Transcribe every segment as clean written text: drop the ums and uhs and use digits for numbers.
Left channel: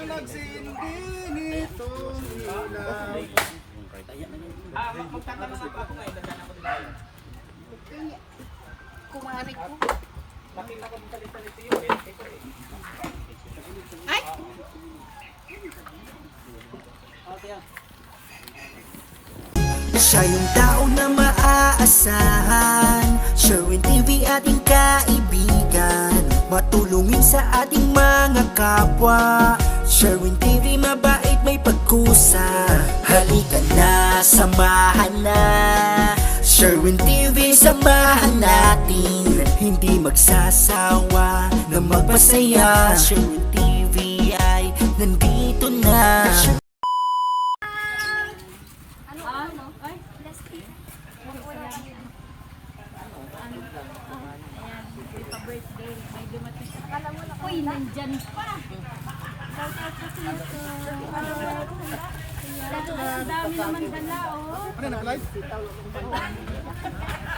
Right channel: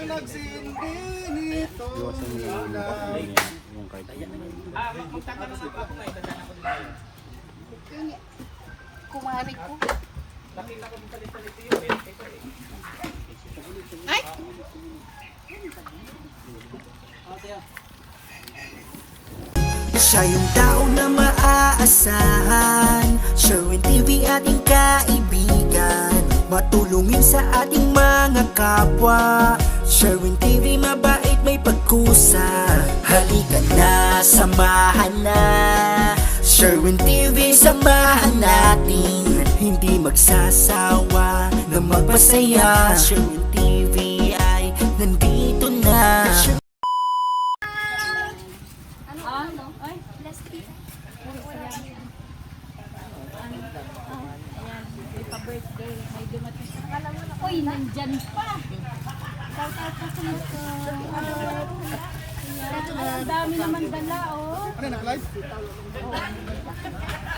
Ang nagsindi nito Magtatanong ako ngayon, dadaan ako dito. Kumarik ko. Nakita ko dito yun eh. Ay! Siya yung tao na maaasahan, Sherwin TV ating kaibigan, matulungin sa ating mga kapwa. Sherwin TV mabait may pagkusa, halika na, samahan na. Sherwin TV samahan natin, hindi magsasawa na magpasaya. Sherwin TV ay nandito na. Birthday, may dumating sa kala mo na. Uy, nandyan pa. Ang dami naman dala, oh. Ano, nag-live?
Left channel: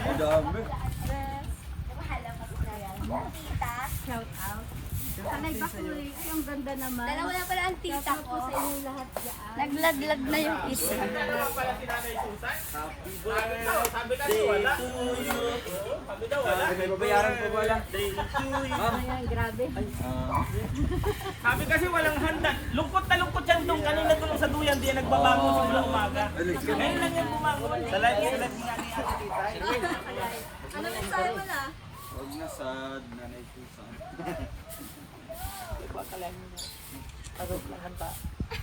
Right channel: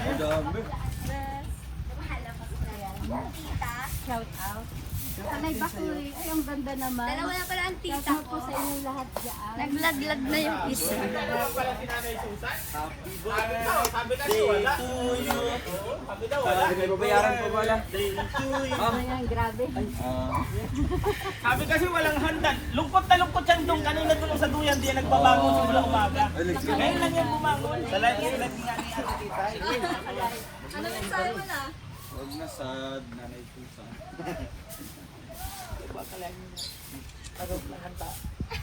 Ang dami. Shout out. Sanay ba ko eh. Ay, ang ganda naman. Dalawa na pala ang tita Shout out po ko. sa inyo lahat dyan. Naglaglag na yung isa. Dalawa pala si Nanay Susan. Happy birthday. Sabi kasi wala. Sabi daw wala. May babayaran po wala. Ayan, grabe. Sabi kasi walang handa. Lungkot na lungkot yan doon. Kanina doon sa duyan, di yan nagbabago simula umaga. Ngayon lang yan bumangon. Sa live nga ni Ate Tita. Ano mensahe mo na? Huwag na sad, Nanay Susan.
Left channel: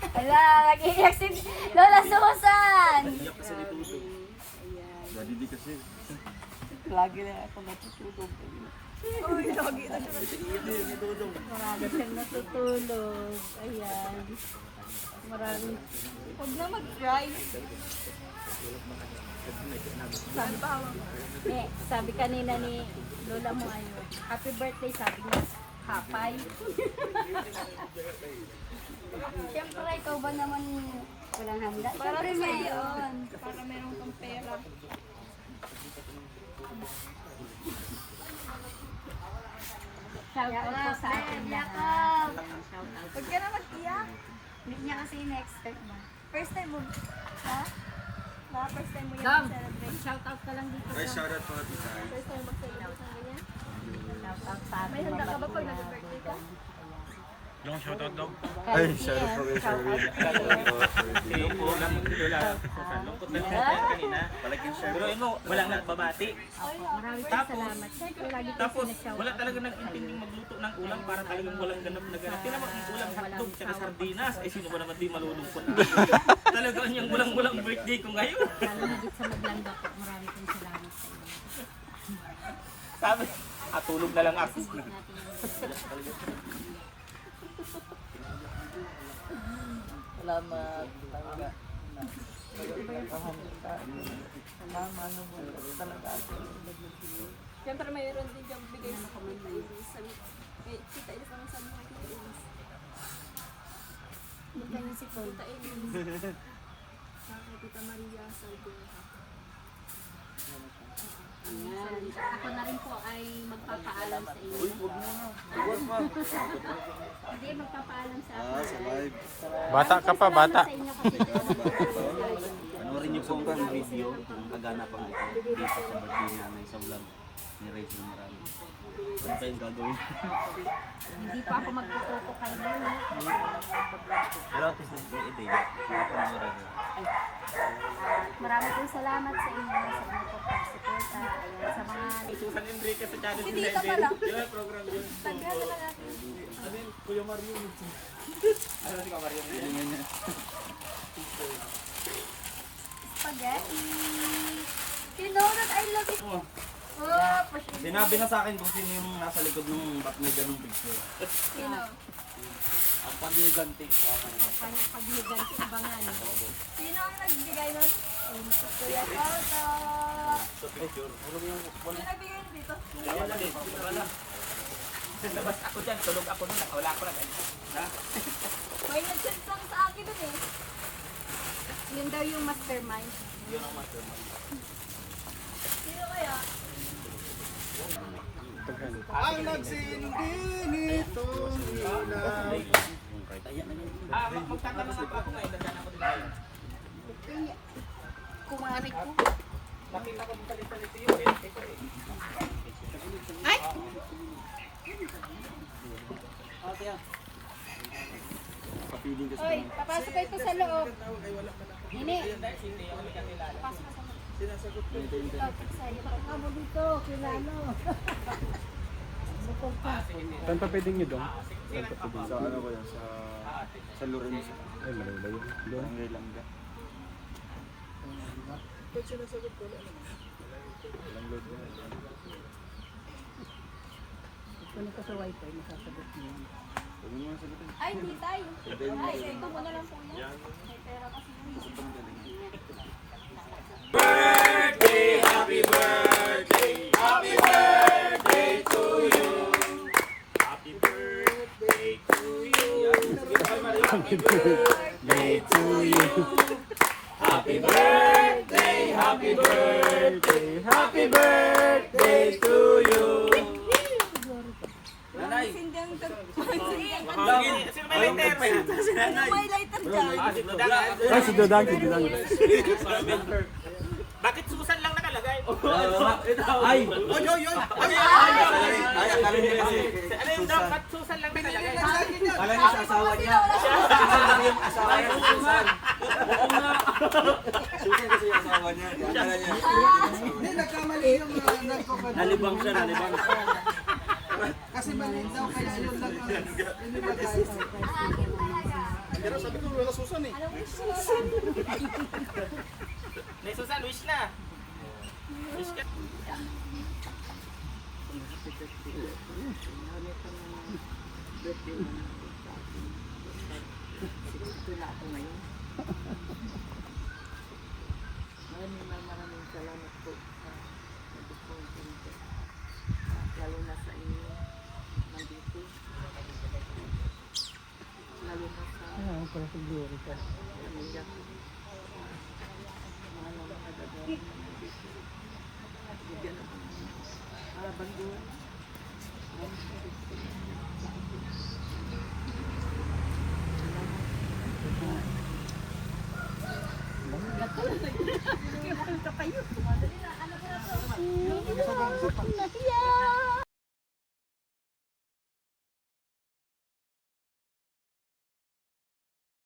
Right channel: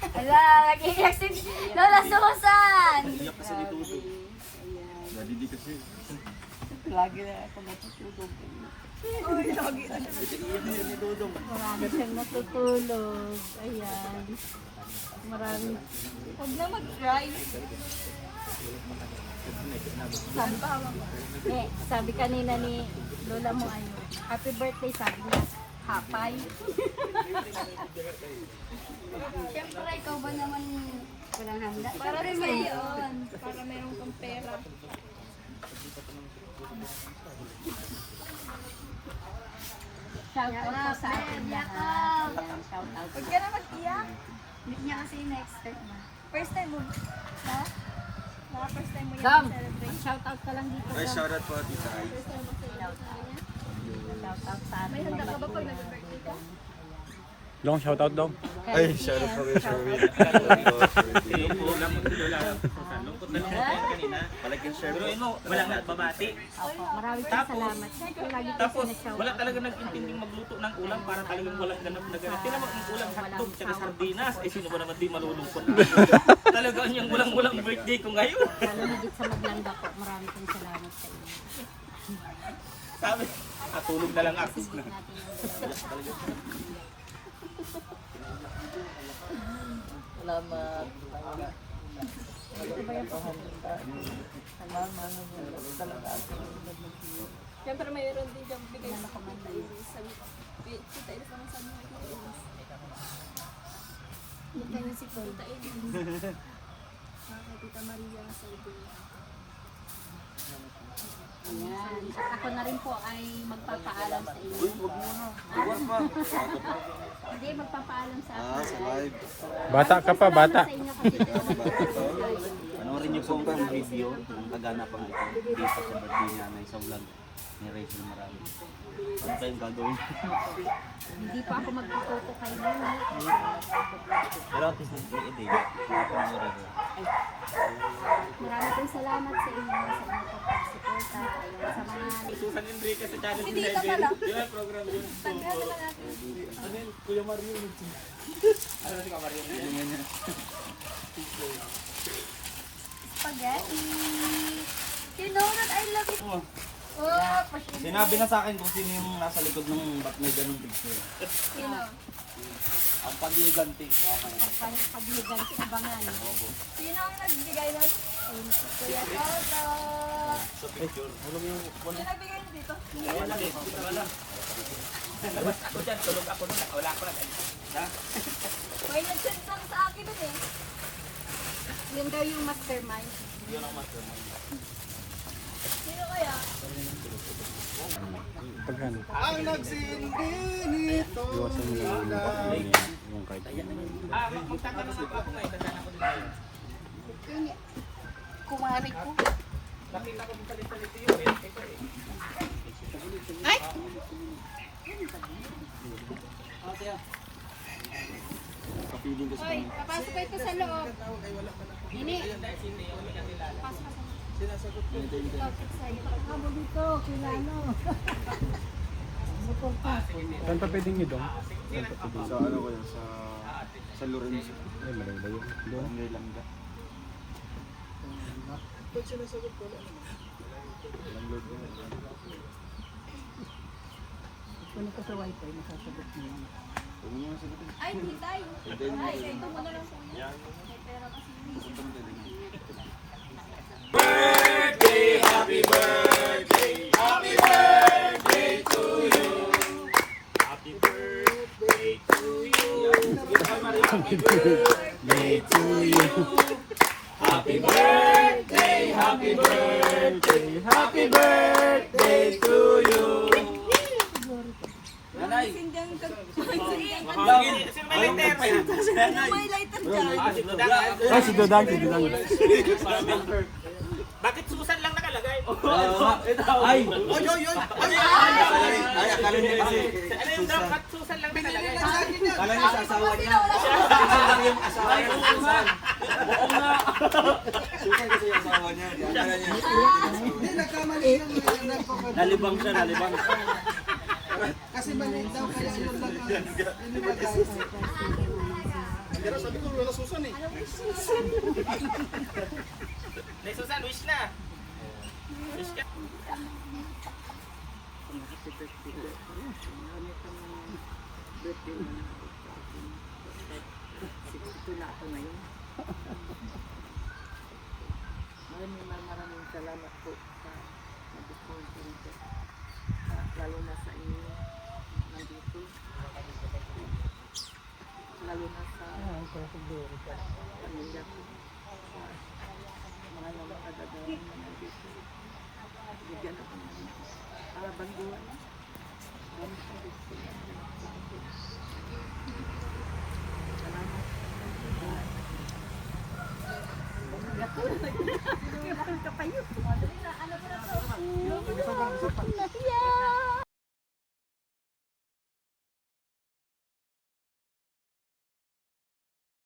Wala, nag-iiyak si Lola Susan! Iyak kasi ni Tuto. Dati di kasi. Lagi na ako natutulog. Lagi siyang natutulog. Ayan. Marami. Huwag na mag-drive. Sabi kanina ni Lola mo, ano, happy birthday, sabi niya. Hapay. Siyempre, ikaw ba naman walang handa? Para rin yun. Para meron kang pera. Shout out po sa ating lahat. Ayan, shout out. Huwag ka na mag-iyak. Hindi niya kasi in-expect mo. First time mo. Ha? Baka first time mo yan Gam, celebrate. shout out ka lang dito. Guys, Gam. shoutout po. First time mag-celebrate na ganyan. Shout out sa ating May handa ka ba mabati pag na nag-birthday ka? Dong, shoutout dong. Ay, shoutout po kay Sherwin. Shoutout po. Palagyan Pero Sherwin. ano, wala nang babati. Opo, maraming Tapos, salamat. Tapos, wala talaga nag-intinding magluto ng ulam para talagang walang ganap na ganap. Tinan mo, ang ulam hotdog at sardinas. Ay, sino ba naman di malulungkot? Talagang yung walang birthday ko ngayon. Higit sa maganda po, maraming salamat sa inyo. Sabi, tulog na lang ako. Salamat, Panginoon. Malungkohan kita. Mama, ano mo talaga ako. Siyempre, mayroon din dyan bigay sa kamanta. Sabi, kita ilis naman sa mga kita ilis. Yung kanyang si Tita Ilis. Tita Maria Salvador. Ayan. Ako na rin po ay magpapaalam sa inyo. Hindi, magpapaalam sa ako. Bata ka pa, bata. Sa inyo kasi Panoorin niyo po ang video ng kaganapang ito dito sa birthday ni Nanay sa vlog ni Rachel Marami. Ano tayong gagawin? hindi pa ako magtututo kay Nini. Pero at least nag-i-edit. Panoorin niyo. Maraming pong salamat sa inyo sa inyong pagsuporta. Ayan, sa mga Susan Enrique sa channel Si ni Tita pala. Yun ang program yun. Tanda na lang natin. Ano yun? Kuya Mario. Ano si Kuya Mario? Spaghetti. You know that I love it. Oh, pasyon. Sinabi na sa akin kung sino yung nasa likod ng ba't may ganung picture. Sino? Ang pag-iganti. pagligan sa bangan. Sino ang nagbigay nun? Kuya Toto. Sa picture. Sino nagbigay niyo dito? Wala eh. Wala. Labas ako dyan. Tulog ako nun. Wala ako na. Ha? May nag-send lang sa akin dun eh. Yun daw yung mastermind. Yun ang mastermind. Sino kaya? Ang nagsindi nito. magtatanong ako ngayon, dadaan ako din ngayon. Kumari ko. Makita ko dito yung Ay! Kapiling kasi Ay, papasok kayo sa loob. Hindi. Saan pa pwedeng yun doon? sa ano ko yun, sa Lorenzo. Ay, malayo yun. Doon. Barangay Langga. Huwag mo yung sagutin. Ay, hindi tayo. Ay, ito mo na lang sa inyo. May pera kasi. mahangin. Sino may lighter? May lighter dyan. Si Dodang. Ah, si Dodang, si Dodang. Bakit Susan lang nakalagay? Ay! Oy, oy, oy! Ay, akala niya kasi. Ano yung dapat Susan lang nakalagay? Akala niya sa asawa niya. Susan lang yung asawa niya. Susan. Oo nga. Susan kasi yung asawa niya. Akala niya. Hindi, nagkamali yung Nalibang siya, nalibang. kasi mali daw kaya yun lang ang inibagay. Pero sabi ko, wala Susan eh. May Susan, wish na. Wish ka. Maraming salamat po sa nag-sponsor po. Lalo na sa inyo nandito. Lalo na sa pamilya ko. Mga nakadadayan na nandito. Bigyan ako ng banduan. Nahiya!